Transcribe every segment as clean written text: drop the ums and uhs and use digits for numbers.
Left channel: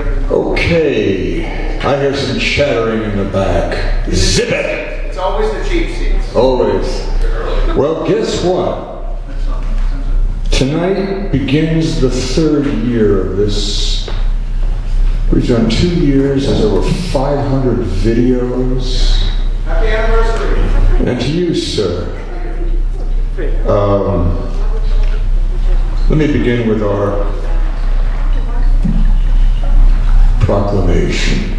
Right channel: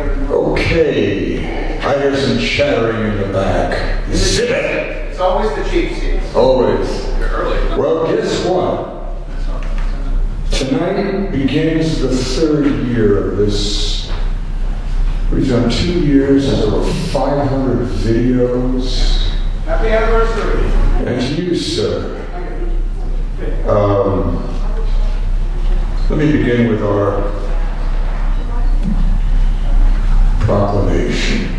Okay, I hear some chattering in the back. Zip it! It's always the cheap seats. Always. Well, guess what? Tonight begins the third year of this. We've done 2 years, there's over 500 videos. Happy anniversary. And to you, sir. Let me begin with our proclamation.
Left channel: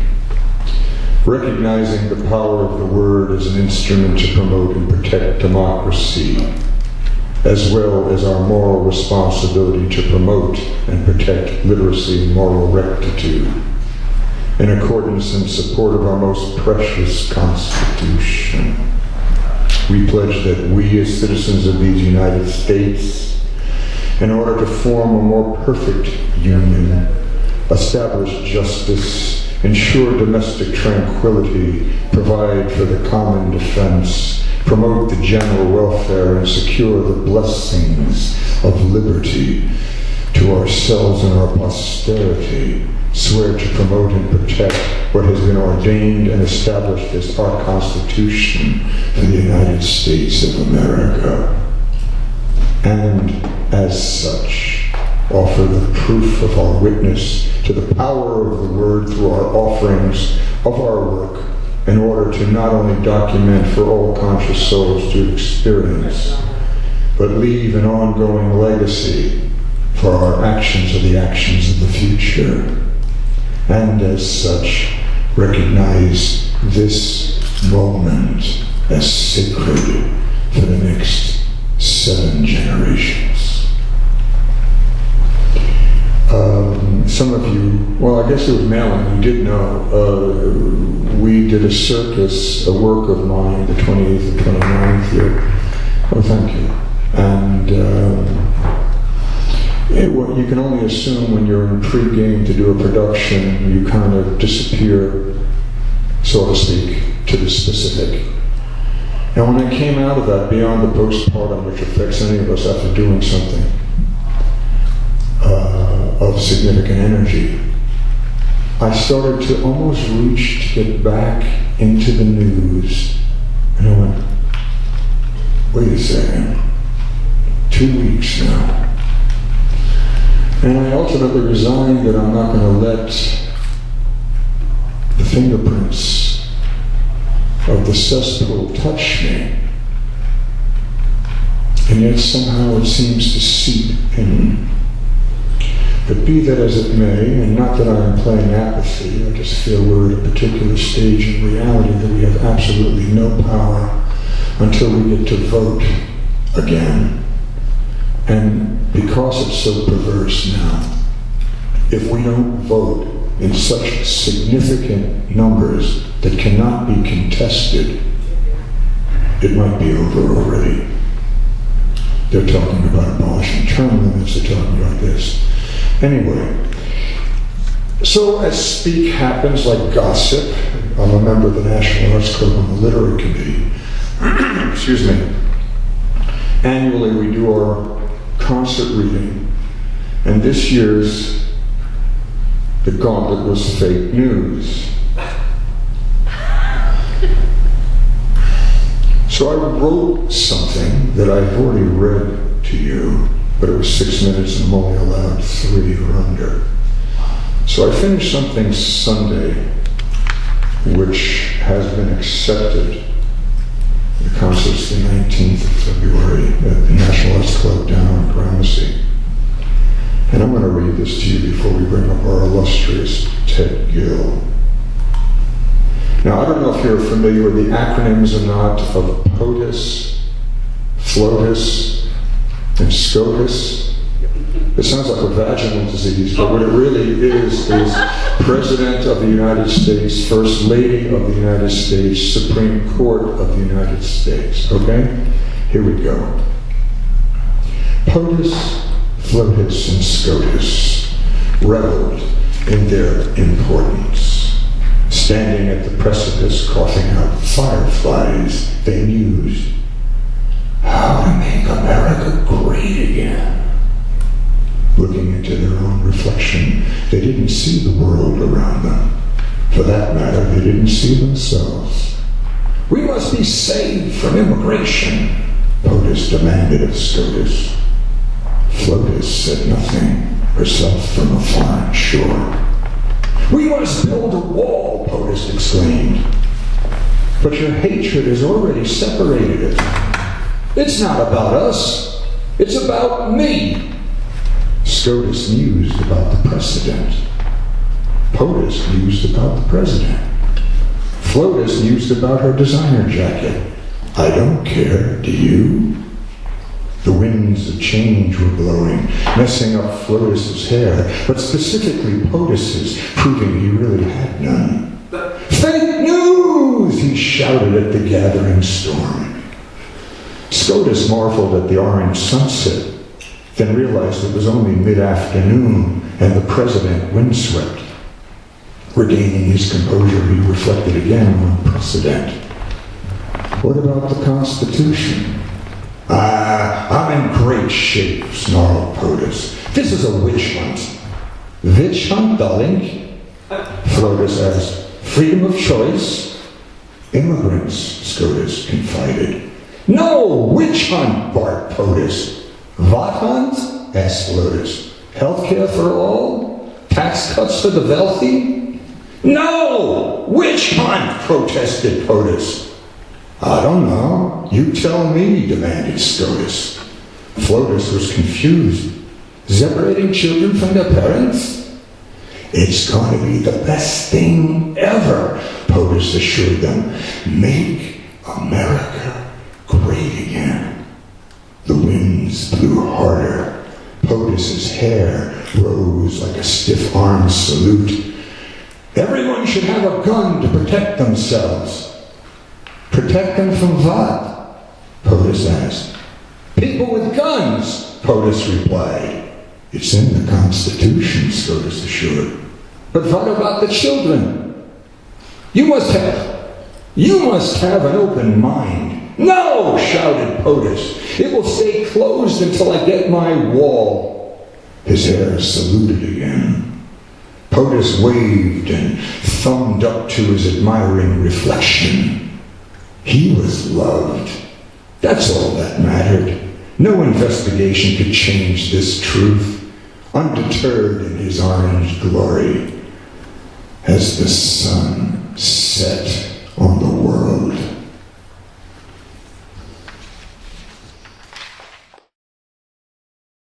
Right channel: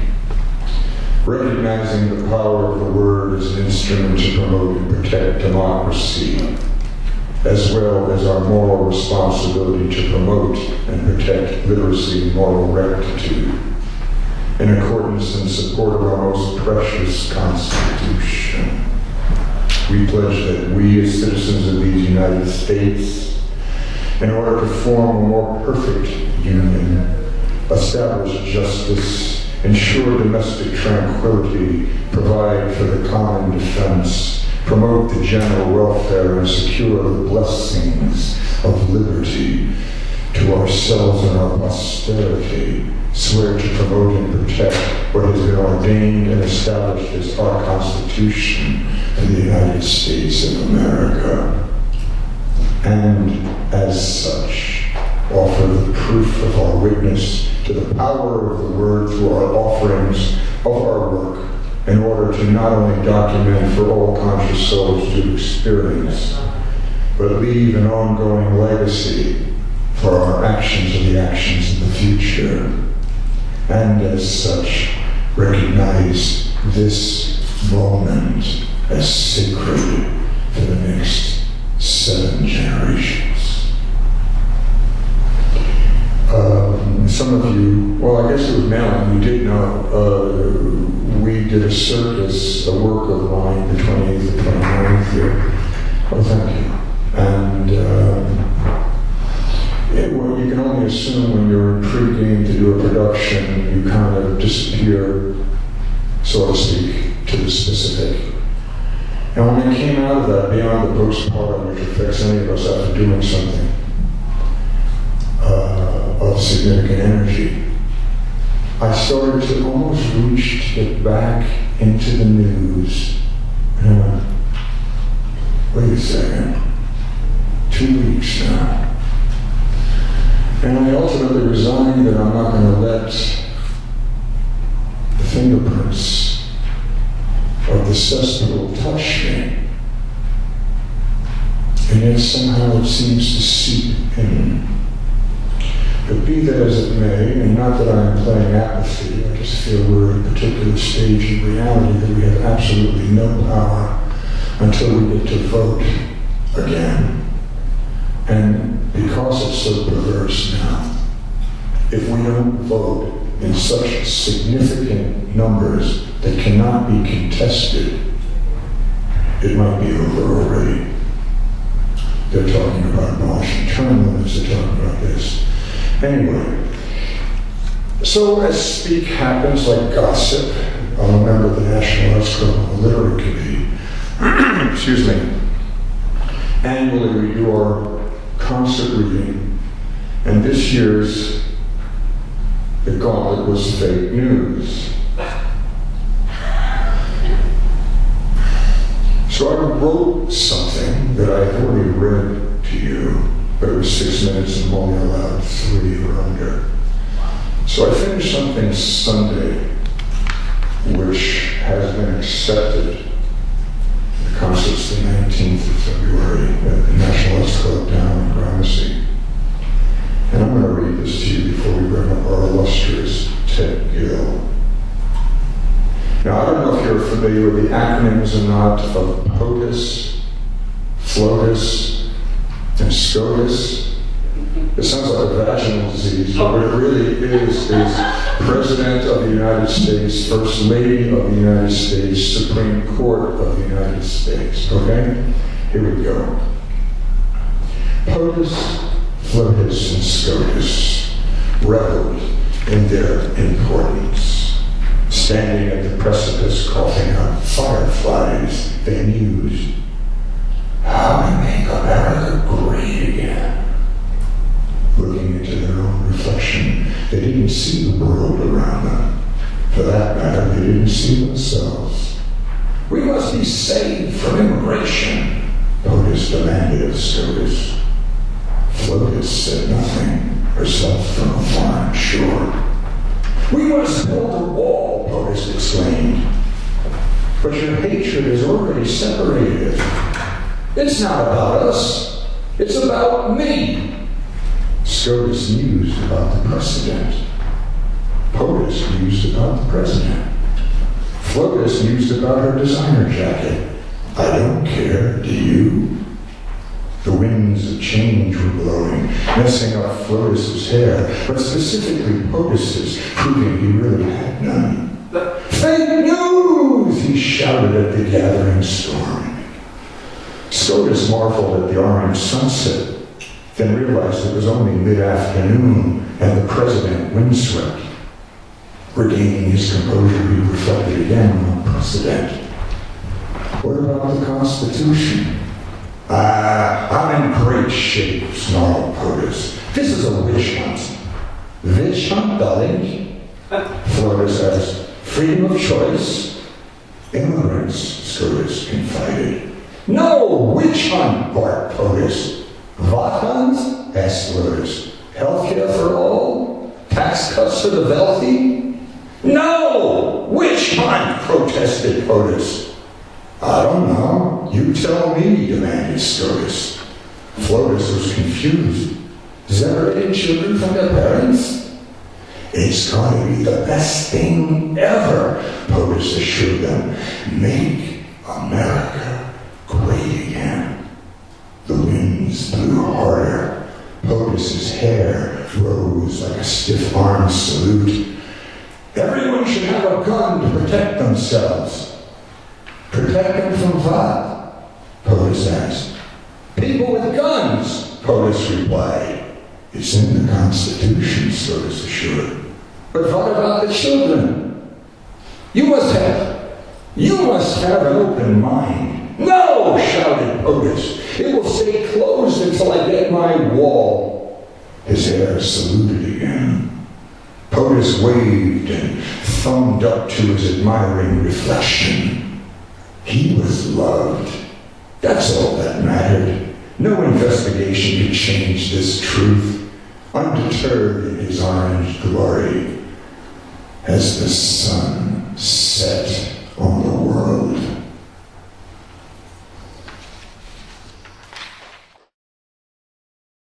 Recognizing the power of the word as an instrument to promote and protect democracy, as well as our moral responsibility to promote and protect literacy and moral rectitude, in accordance and support of our most precious Constitution. We pledge that we, as citizens of these United States, in order to form a more perfect union, establish justice, ensure domestic tranquility, provide for the common defense, promote the general welfare, and secure the blessings of liberty to ourselves and our posterity, swear to promote and protect what has been ordained and established as our Constitution for the United States of America, and as such, offer the proof of our witness to the power of the word through our offerings of our work, in order to not only document for all conscious souls to experience, but leave an ongoing legacy for our actions and the actions of the future, and as such, recognize this moment as sacred for the next 7 generations. Some of you, well, I guess it was Malin, you did know, we did a circus, a work of mine, the 28th and 29th here. Oh, thank you. And you can only assume when you're in pre-game to do a production, you kind of disappear, so to speak, to the specific. And when I came out of that, beyond the postpartum, which affects any of us after doing something of significant energy, I started to almost reach to get back into the news. And I went, wait a second, 2 weeks now. And I ultimately resigned that I'm not going to let the fingerprints of the cesspool touch me. And yet somehow it seems to seep in. But be that as it may, and not that I am playing apathy, I just feel we're at a particular stage in reality that we have absolutely no power until we get to vote again. And because it's so perverse now, if we don't vote in such significant numbers that cannot be contested, it might be over already. They're talking about abolishing term limits, they're talking about this. Anyway, so as speak happens like gossip, I'm a member of the National Arts Club on the Literary Committee. Excuse me. Annually we do our concert reading, and this year's the gauntlet was fake news. So I wrote something that I had already read to you, but it was 6 minutes and I'm only allowed 3 or under. So I finished something Sunday, which has been accepted. The concert's the 19th of February at the National Arts Club down on Gramercy. And I'm going to read this to you before we bring up our illustrious Ted Gill. Now, I don't know if you're familiar with the acronyms or not of POTUS, FLOTUS, and SCOTUS. It sounds like a vaginal disease, but what it really is President of the United States, First Lady of the United States, Supreme Court of the United States. Okay? Here we go. POTUS, FLOTUS, and SCOTUS reveled in their importance. Standing at the precipice, coughing out fireflies, they mused, how to make America great again. Looking into their own reflection, They didn't see the world around them. For that matter, they didn't see themselves. "We must be saved from immigration," POTUS demanded of SCOTUS. FLOTUS said nothing, herself from a foreign shore. "We must build a wall," POTUS exclaimed. "But your hatred has already separated us. It's not about us. It's about me." SCOTUS mused about the precedent. POTUS mused about the president. FLOTUS mused about her designer jacket. "I don't care, do you?" The winds of change were blowing, messing up FLOTUS's hair, but specifically POTUS's, proving he really had none. "Fake news!" he shouted at the gathering storm. SCOTUS marveled at the orange sunset, then realized it was only mid-afternoon and the president windswept. Regaining his composure, he reflected again on precedent. "What about the Constitution?" I'm in great shape," snarled POTUS. "This is a witch hunt." "Witch hunt, darling?" FLOTUS asked. "Freedom of choice?" "Immigrants," SCOTUS confided. "No, witch hunt," barked POTUS. "What hunt?" asked FLOTUS. "Healthcare for all? Tax cuts for the wealthy?" "No! Witch hunt!" protested POTUS. "I don't know. You tell me," demanded SCOTUS. FLOTUS was confused. "Separating children from their parents?" "It's going to be the best thing ever," POTUS assured them. "Make America great again." The winds blew harder. POTUS's hair rose like a stiff-armed salute. "Everyone should have a gun to protect themselves." "Protect them from what?" POTUS asked. "People with guns," POTUS replied. "It's in the Constitution," SCOTUS assured. "But what about the children?" You must have an open mind." "No!" shouted POTUS. "It will stay closed until I get my wall." His hair saluted again. POTUS waved and thumbed up to his admiring reflection. He was loved. That's all that mattered. No investigation could change this truth. Undeterred in his orange glory, as the sun set